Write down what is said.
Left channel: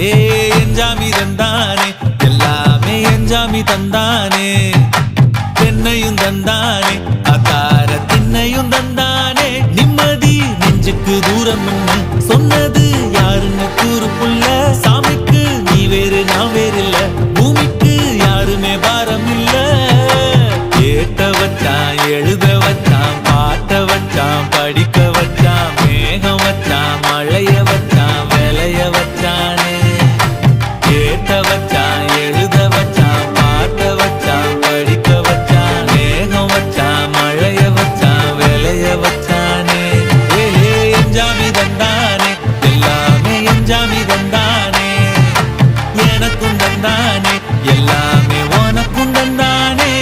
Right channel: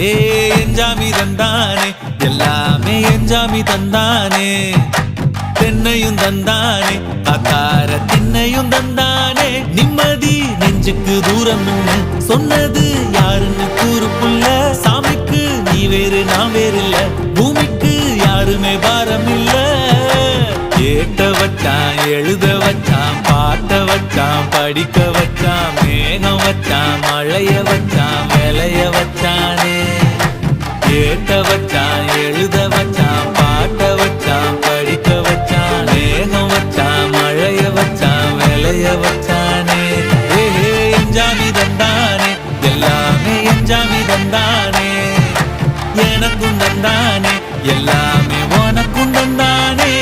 ஏ எஞ்சாமி தந்தானே எல்லாமே எஞ்சாமி தந்தானே தென்னையும் தந்தானே அத்தார திண்ணையும் தந்தானே நிம்மதி நெஞ்சுக்கு தூரம் சொன்னது யாருன்னு கூறு புள்ள சாமிக்கு நீ வேறு நான் வேறு இல்ல பூமிக்கு யாருமே பாரம் இல்ல ஏத்த வச்சான் எழுத வச்சான் பாட்ட வச்சான் படிக்க வச்சான் மேகம் வச்சான் மழைய வச்சான் விளைய வச்சானே ஏத்த வச்சான் எழுத வச்சான் பாட்ட வச்சான் படிக்க வச்சான் மேகம் வச்சான் மழைய வச்சான் விளைய வச்சானே ஏஹே எஞ்சாமி தந்தானே எல்லாமே எஞ்சாமி தந்தானே எனக்கும் தந்தானே எல்லாமே உனக்கும் தந்தானே